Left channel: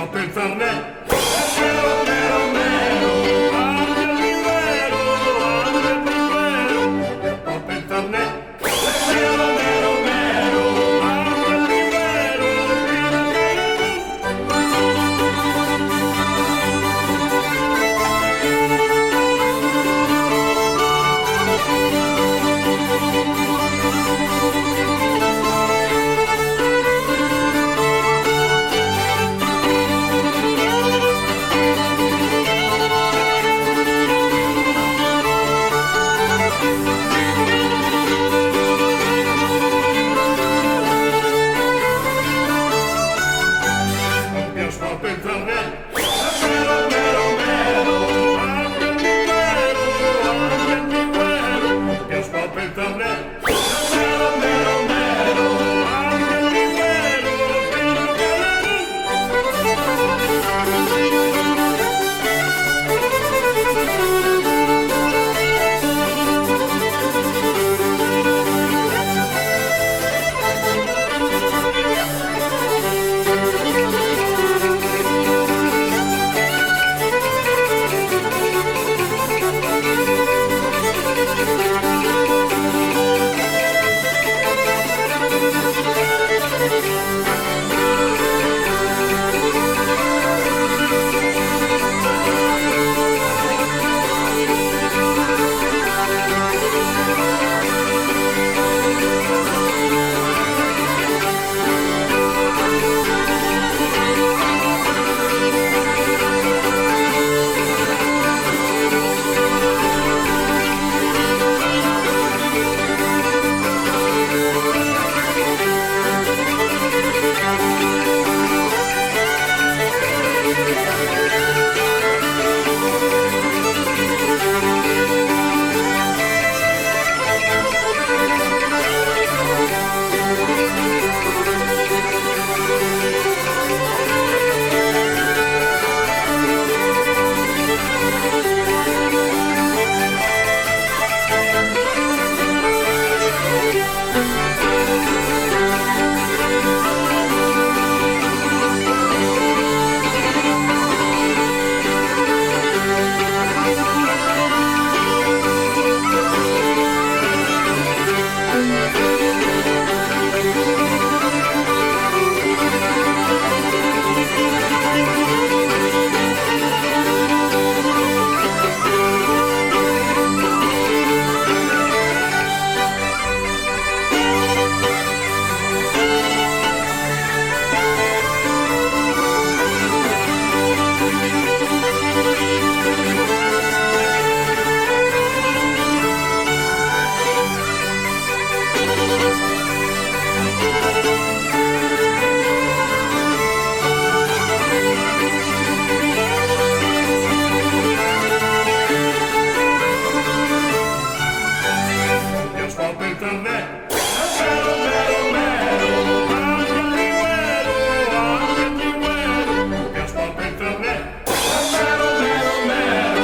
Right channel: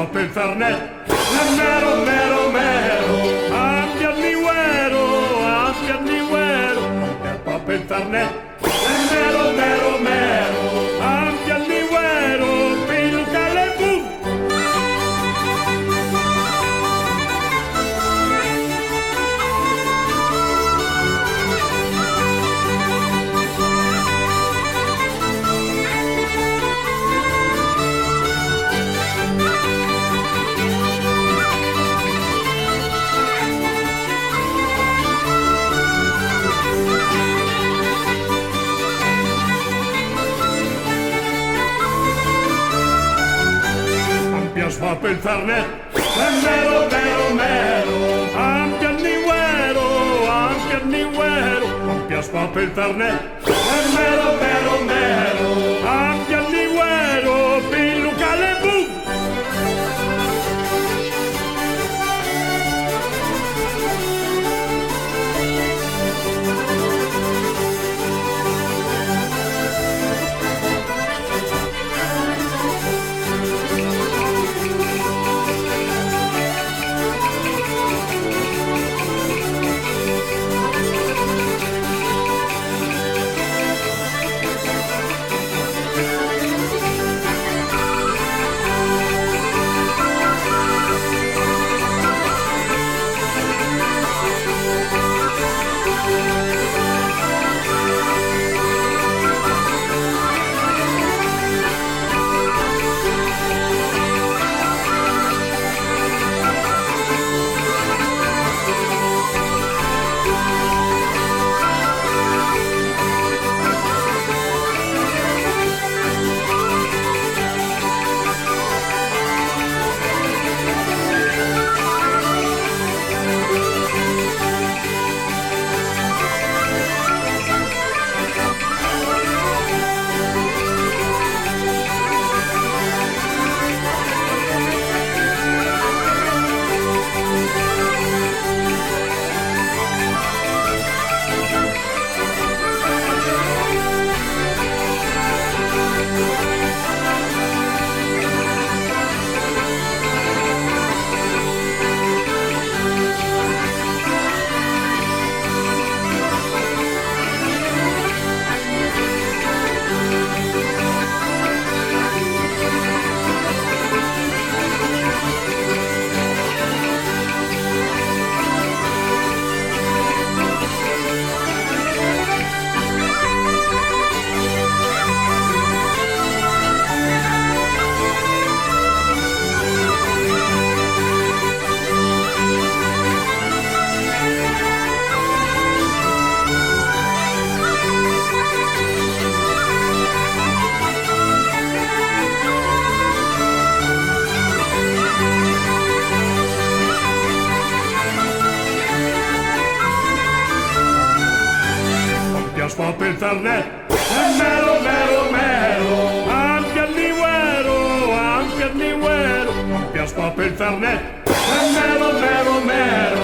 fa per il fernet, mero, mero, mero, abbia il niguero, fa per il fernet, mero, mero, mero, abbia il niguero, piluca le boom. Ampias va per il fernet, mero, mero, mero, ampia il niguero, ampias va per il fernet, mero, mero, mero, ampia il niguero, piluca le boom. Fa per il fernet, mero, mero, mero, ampia il niguero, ampias fa per il fernet, mero, mero, mero.